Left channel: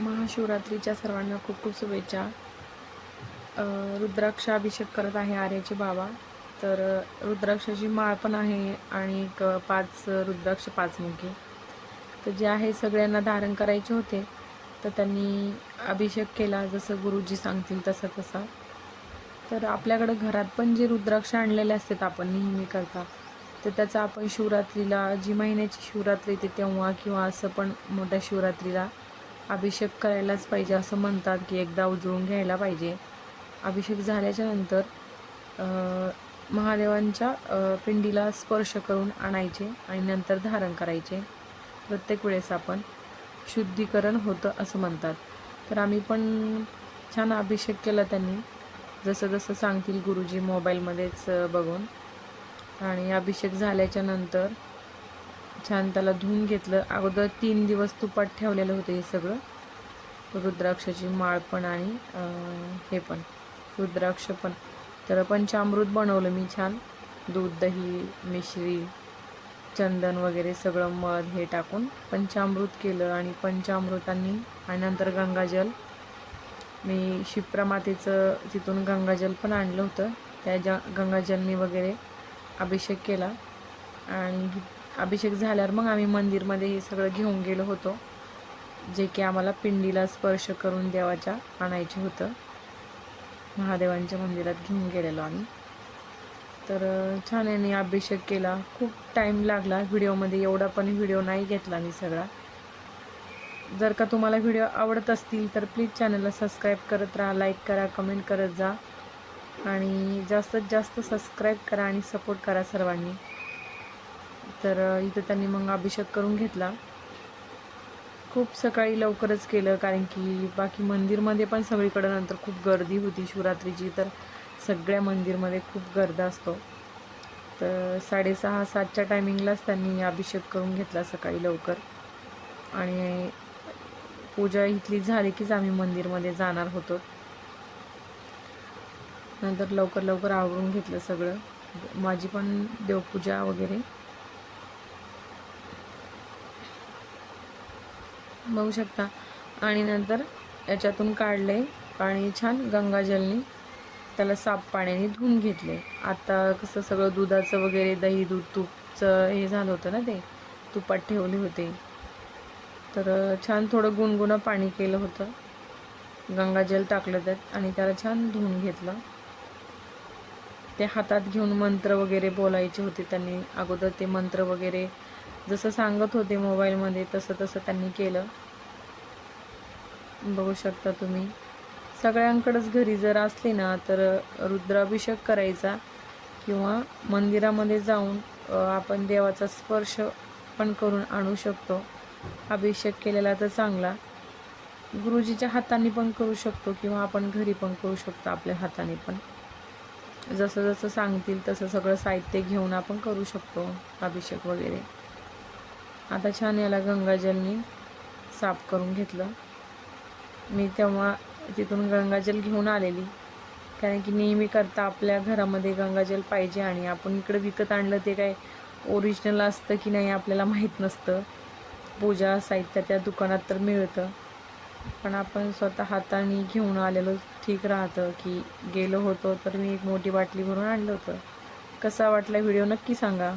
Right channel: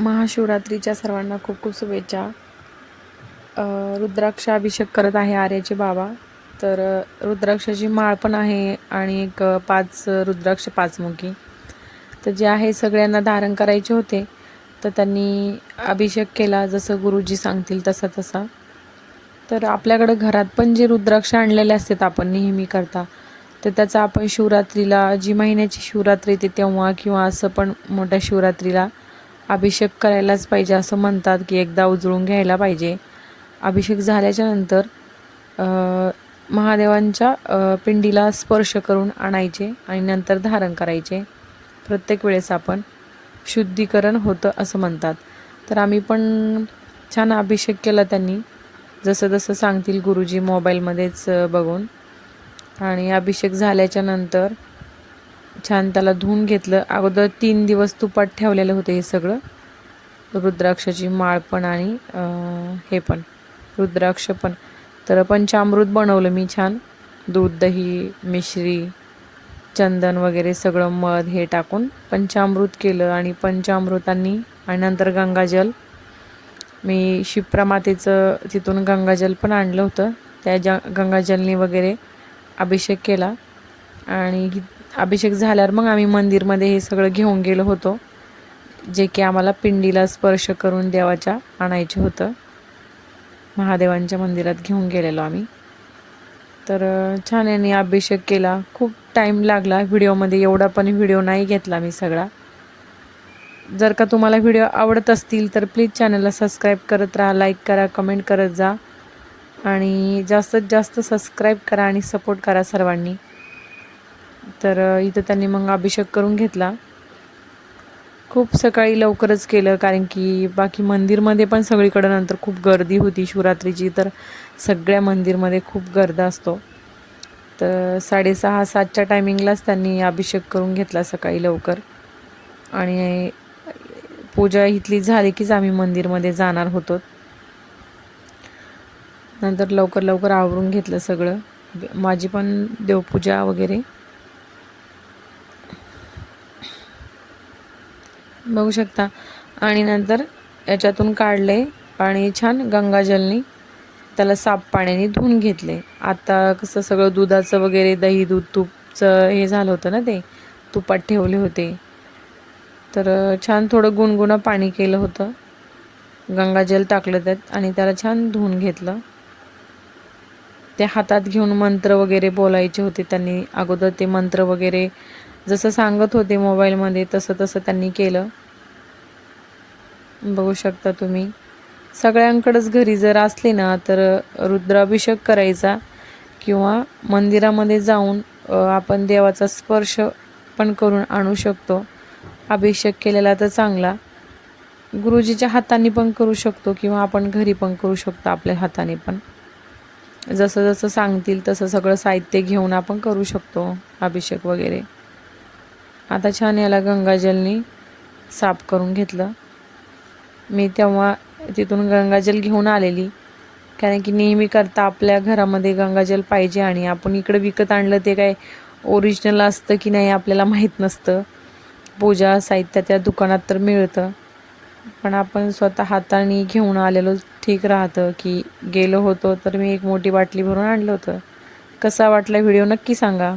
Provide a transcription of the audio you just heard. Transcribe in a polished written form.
महाशिवरात्रीच्या सर्वांना खूप खूप शुभेच्छा. रुद्राक्षाभिषेक करत आहे आर्याचे बाबा. तर रुद्राक्षाची माळ पण आहे आणि एक 5 रुद्राक्ष 5 मुखी. तर जे आहे सगळ्यांना धारण करायचे होते, तर त्यांनी अभिषेक केला जसं गुरुजी सांगतील तसा तसा. तर आपल्याकडं घरात पण जे रुद्राक्ष आणलेले असतात आपण नेहमी करता, तर त्याचा आपण शिवरात्रीला जी महिन्याची शिवरात्री येते तेव्हा किंवा असं पण मोठ्या शिवरात्रीला अभिषेक करायलाच पाहिजे असं म्हणतात, की एकदा उजळून घ्यायला पाहिजे. अभिषेक झाल्याच्या नंतर महादेवांच्या पिंडीला स्पर्श करून आणायचे आणि नंतर धारण करायचे. प्रत्येक वेळेस आपण शुद्धीकरण होतं असं म्हणतात. तर आम्ही पण छान अभिषेक केला त्यांनी, जसं जसं सांगतील गुरुजी मोबाईलमध्येच बघून. आणि अभिषेक झाल्याच्या नंतर छान त्याला धुवून घेतलं. अगोदर 3 दिवस तुपात ठेवलेलं होतं हे सगळं, रुद्राक्षाची माळ पण आणि हे पण रुद्राक्ष पण. तर पंचामृत बनवलं मी छान, दूध, दही, मिश्री, चंदन वगैरे सगळं मध हे टाकून पंचामृत केलं. आणि पंचामृतांनी आणि नंतर गंगाजल, मी शिप्रा मातेचं तिथून गंगाजल पण आणलं होतं, त्या गंगाजलनी वगैरे अभिषेक केला. आणि अभिषेक झाल्यावर मग आम्ही मंदिरमध्ये हे सगळं घेऊन गेलो होतो, जे की आम्हाला पिंडीला स्पर्श करून देवाच्या आणायचं होतं. महादेवांच्या मंदिरात घेऊन गेलेलो आम्ही. तर छान यांनी अभिषेक केला. खूप टाईम लागला व्हिडिओमध्ये, एवढा पण व्हिडिओ नाही घेतला मी सगळा. जर का तुम्हाला व्हिडिओ आवडत असतील तर प्लीज चॅनलला सबस्क्राईब करत राहा, लाईक करा, कमेंट करत जा आणि जास्तीत जास्त सबस्क्राईब करा आणि सपोर्ट करा सर्वांनी. तर इथं त्यांनी मग अभिषेक करून घेतला. खूप सकाळी लवकरच केलं, कारण की बाकी मंदिरमध्ये पण सगळीकडं नंतर खूप गर्दी होती शिवरात्रीची. तर सगळ्या मंदिरमध्ये खूप गर्द असतो. तर 6:30-7च्या टायमिंगलाच त्यांनी अभिषेक करून घेतला सकाळी लवकर. आणि पूजा इथली झाली कीच आम्ही मंदिरमध्ये जाणार होतो. नंतर लवकर लवकर आवरून घेतलं सगळं, माझी पण देवपूजा वगैरे बघू शकता. आणि नंतर याच्यातून काढले आणि छान गंगाजलनी त्याला साफ पाण्याने धुवून घेतले. आता कसं सगळं दुधाचं वगैरे, दही, दूध, तूपचं हे झालं होतं ना, ते तुपात ठेवले होते. तर छान थोडं गुणगुणं पाणी केलं होतं, गंगाजल टाकलं त्यात आणि त्याला छान धुवून घेतलं. ते हातात घेऊन मंत्र वगैरे बोलायचे होते त्यांनी. अगोदर ते मंत्र वगैरे जसं सांगत होते मोबाईलमध्ये तसं तसं त्यांनी केलं. बघू शकता तुम्ही. सगळ्यांकडेच घरी जर असले ना तर रुद्राभिषेक करायचा किंवा मंदिरामध्ये जाऊन आपण देवाचा स्पर्श पण करून आणू शकतो. अभिषेक केलेला तर चांगला, गुरुजीच्या हाताने पण करू शकतो किंवा आपण घरी पण करू शकतो आपल्या हाताने पण. जसं जसं सांगतील तसं सगळं साहित्य घेऊन आपण करू शकतो अभिषेक वगैरे. आता छान याला गंगाजलनी साफ करून घेतलं. मी तेव्हा तिथून गंगाजल घेऊन आलेली, कारण की नेहमी करता आपल्या घरामध्ये गंगाजल पाहिजे. आणि आपण इकडे विकत आणलं ते काय ओरिजिनल असतं की नाही आपल्याला माहीत नसतं. पूजा साहित्य त्या दुकानात तर मिळतं, पण आपण स्वतः हाताने घेऊन आलेलो ठीक राहतं. की गेलो होतो तर मी एक मोठी बाटली भरून आणलं होतं. कसा वाटला व्हिडिओ नक्की सांगा.